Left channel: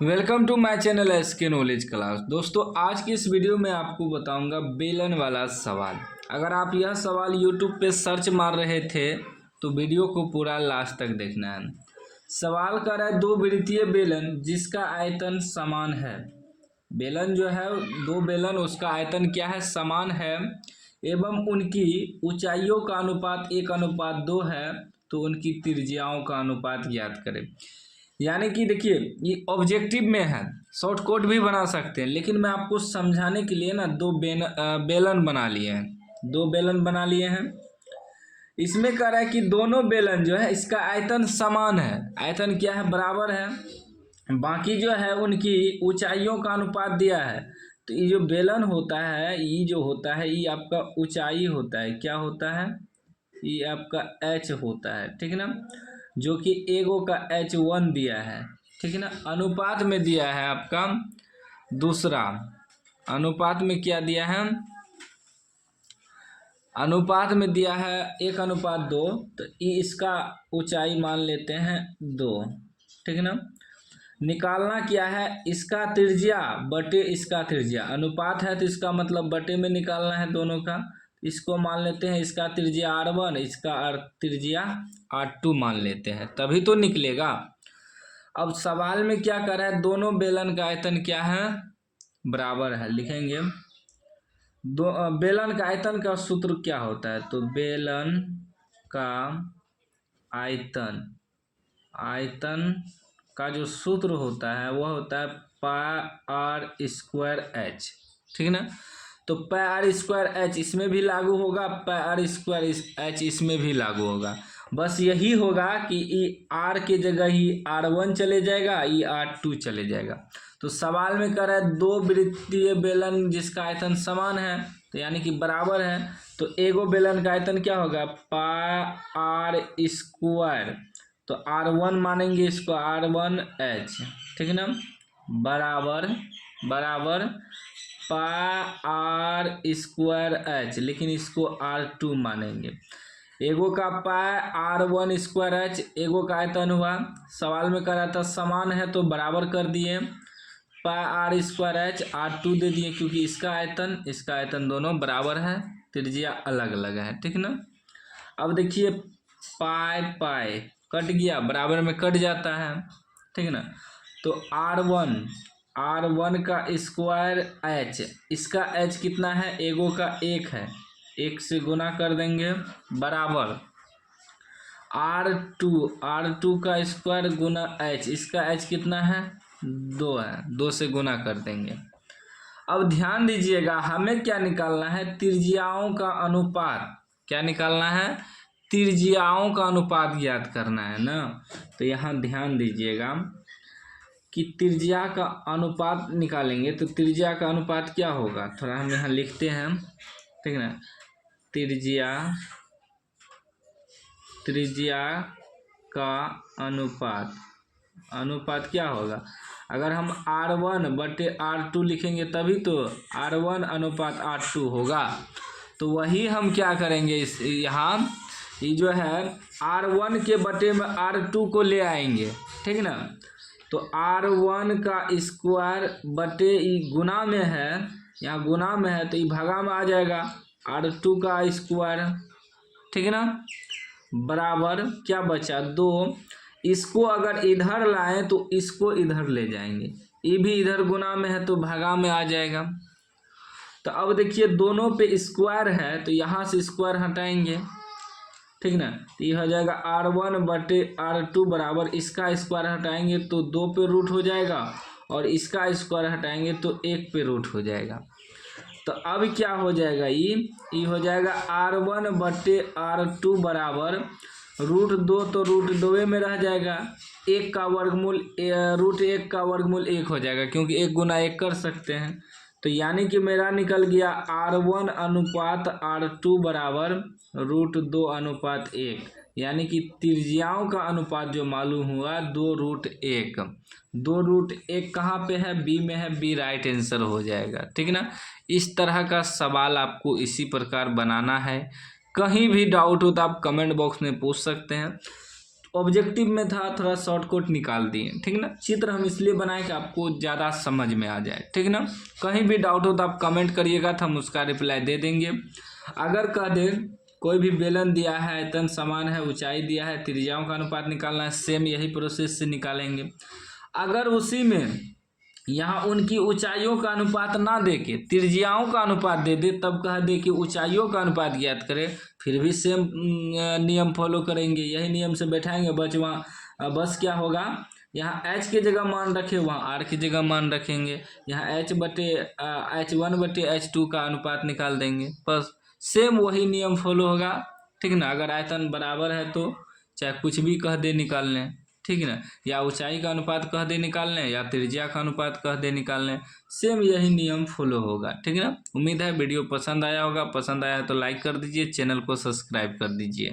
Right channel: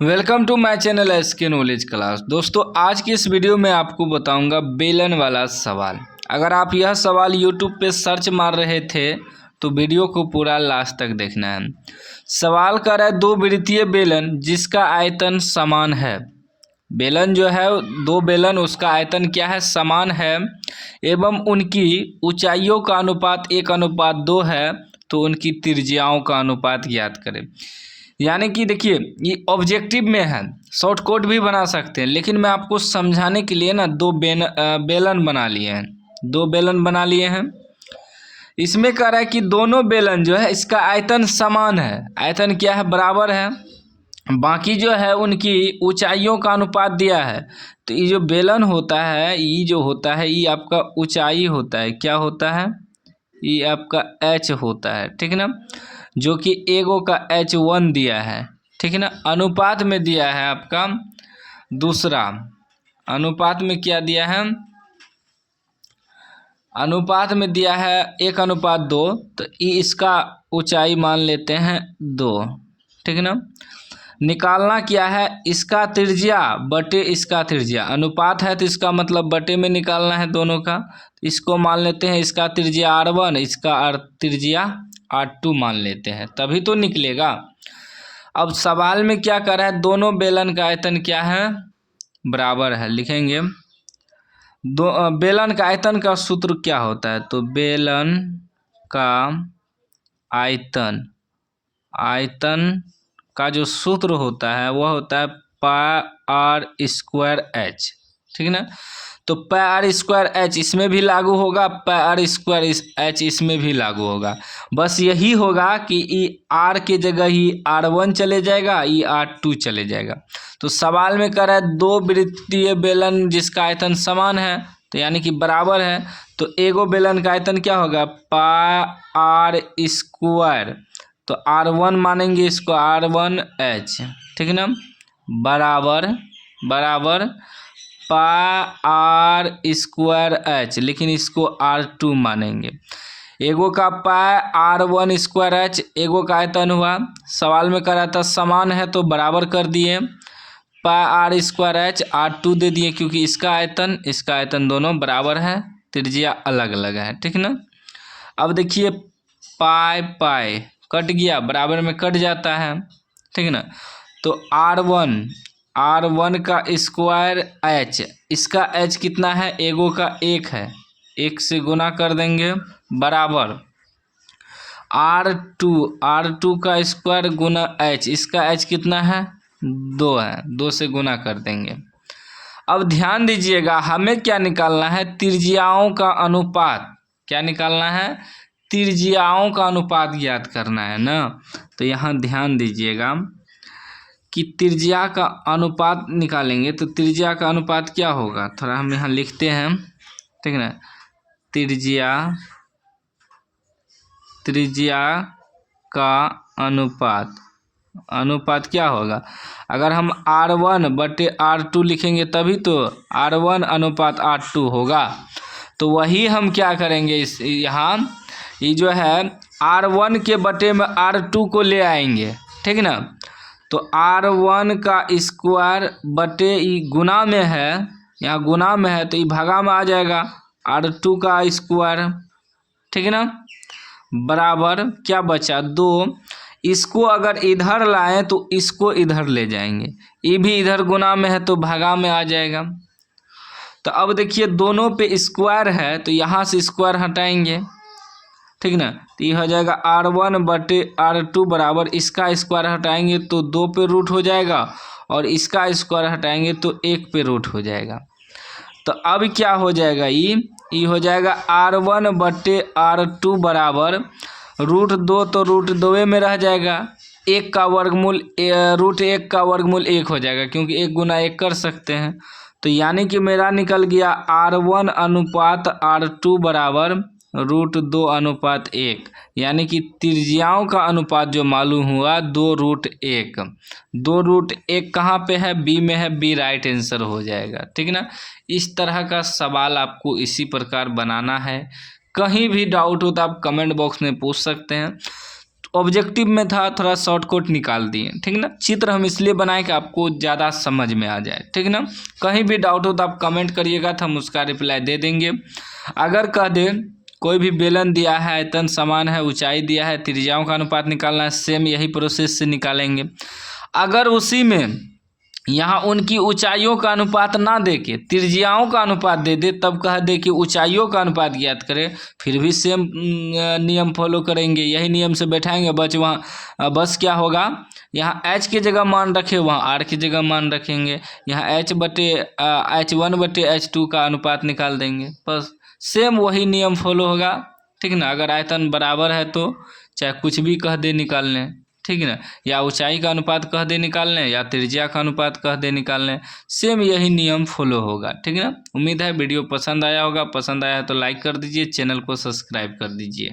Welcome to my channel SK knowledge class. दोस्तों, आज की इस वीडियो में आपको बताऊंगा बेलन वाला सवाल। अगर आप यह सवाल यूट्यूब पे सर्च मार रहे थे तो वीडियो को पूरा लास्ट तक देखना है। सवाल कर रहा है दो वृत्तीय बेलन जिसका आयतन समान है। बेलन जो है दो बेलन, उसका आयतन क्या है? समान है एवं उनकी ऊंचाइयों का अनुपात 1:2 है, तो उनकी त्रिज्याओं का अनुपात ज्ञात करें। यानी कि देखिए, ये ऑब्जेक्टिव में है, शॉर्ट कोट भी बना सकते हैं, लेकिन मैं आपको समझाने के लिए ना बेलन बना लिए हैं। दो बेलन बना लिए हैं। इसमें कह रहा है कि दोनों बेलन जो है इसका आयतन समान है। आयतन क्या है? बराबर है। बाकी जो है उनकी ऊंचाइयों का अनुपात दिया है। तो ये जो बेलन होता है, ये जो होता है, ये आपका ऊंचाई होता है। क्या होता है? ये आपका h होता है, ठीक है ना, जो कि एगो का h1 दिया है, ठीक है ना। अनुपात में दिया है आपका दूसरा। अनुपात में क्या दिया है? अनुपात में दिया है 1:2, तो इसका ऊंचाई मान लेते हैं 2, ठीक है ना। निकालना क्या है? इसका त्रिज्या बटे इसका त्रिज्या। अनुपात है तो इसका मतलब बटे में निकालना है दोनों का। इसको मान लेते हैं इसका त्रिज्या r1, इसका त्रिज्या r2 मान लेते हैं, तभी तो निकलेगा। अब सवाल में क्या कर रहा है? दोनों बेलन का आयतन क्या है? बराबर है। लिखेंगे बेलन का आयतन का सूत्र क्या होता है? तो बेलन का आयतन का जो सूत्र होता है वह होता है πr²h, ठीक है ना। तो πr²h इसमें भी लागू होगा, πr²h इसमें भी लागू होगा। बस यही होगा कि ई r के जगह ही r1 चले जाएगा, ई r2 चले जाएगा। तो सवाल में कह रहा है दो वृत्तीय बेलन जिसका आयतन समान है, तो यानी कि बराबर है। तो एगो बेलन का आयतन क्या होगा? πr², तो r1 मानेंगे इसको r1h, ठीक है ना, बराबर πr²h, लेकिन इसको r2 मानेंगे। एगो का πr1²h, एगो का आयतन हुआ। सवाल में कह रहा था समान है तो बराबर कर दिए, πr²h r2 दे दिए, क्योंकि इसका आयतन दोनों बराबर है, त्रिज्या अलग अलग है, ठीक है ना। अब देखिए पाई कट गया, बराबर में कट जाता है, ठीक है ना। तो r1 का स्क्वायर h, इसका h कितना है? एगो का 1 है, 1 से गुना कर देंगे, बराबर r2 का स्क्वायर गुना h, इसका h कितना है? 2 है, 2 से गुना कर देंगे। अब ध्यान दीजिएगा, हमें क्या निकालना है? त्रिज्याओं का अनुपात। क्या निकालना है? त्रिज्याओं का अनुपात ज्ञात करना है ना। तो यहाँ ध्यान दीजिएगा कि त्रिज्या का अनुपात निकालेंगे, तो त्रिज्या का अनुपात क्या होगा? थोड़ा हम यहाँ लिखते हैं, ठीक है ना। त्रिज्या का अनुपात क्या होगा? अगर हम r1 बटे r2 लिखेंगे तभी तो r1:r2 होगा। तो वही हम क्या करेंगे, इस यहाँ ये जो है r1 के बटे में r2 को ले आएंगे, ठीक है ना। तो r1 का स्क्वायर बटे ई गुना में है, यहाँ गुना में है तो ये भागा में आ जाएगा, r2 का स्क्वायर, ठीक है ना, बराबर क्या बचा? 2। इसको अगर इधर लाएं तो इसको इधर ले जाएंगे, ये भी इधर गुना में है तो भागा में आ जाएगा। तो अब देखिए दोनों पे स्क्वायर है तो यहाँ से स्क्वायर हटाएंगे, ठीक ना। तो ये हो जाएगा r1 बटे r2 बराबर, इसका स्क्वायर हटाएंगे तो 2 पे रूट हो जाएगा, और इसका स्क्वायर हटाएंगे तो 1 पे रूट हो जाएगा। तो अब क्या हो जाएगा? ये हो जाएगा r1 बटे r2 बराबर √2, तो √2 में रह जाएगा। 1 का वर्गमूल √1 का वर्गमूल 1 हो जाएगा, क्योंकि 1 गुना 1 कर सकते हैं। तो यानी कि मेरा निकल गया r1:r2 बराबर √2:1, यानी कि त्रिज्याओं का अनुपात जो मालूम हुआ 2√1। 2√1 कहाँ पे है? बी में है, बी राइट आंसर हो जाएगा, ठीक है ना। इस तरह का सवाल आपको इसी प्रकार बनाना है। कहीं भी डाउट हो तो आप कमेंट बॉक्स में पूछ सकते हैं। ऑब्जेक्टिव में था, थोड़ा शॉर्टकट निकाल दिए, ठीक ना। चित्र हम इसलिए बनाए कि आपको ज़्यादा समझ में आ जाए, ठीक ना। कहीं भी डाउट हो तो आप कमेंट करिएगा, तो हम उसका रिप्लाई दे देंगे। अगर कह दें कोई भी बेलन दिया है, आयतन समान है, ऊंचाई दिया है, त्रिज्याओं का अनुपात निकालना है, सेम यही प्रोसेस से निकालेंगे। अगर उसी में यहाँ उनकी ऊंचाइयों का अनुपात ना दे के त्रिज्याओं का अनुपात दे दे, तब कह दे कि ऊंचाइयों का अनुपात ज्ञात करें, फिर भी सेम नियम फॉलो करेंगे, यही नियम से बैठाएंगे। बस क्या होगा, यहाँ h की जगह मान रखे, वहाँ r की जगह मान रखेंगे, यहाँ H1/H2 का अनुपात निकाल देंगे, बस सेम वही नियम फॉलो होगा, ठीक ना। अगर आयतन बराबर है तो चाहे कुछ भी कह दे निकाल लें, ठीक ना, या ऊंचाई का अनुपात कह दे निकाल लें, या त्रिज्या का अनुपात कह दे निकाल लें, सेम यही नियम फॉलो होगा, ठीक है ना। उम्मीद है वीडियो पसंद आया होगा, पसंद आया तो लाइक कर दीजिए, चैनल को सब्सक्राइब कर दीजिए।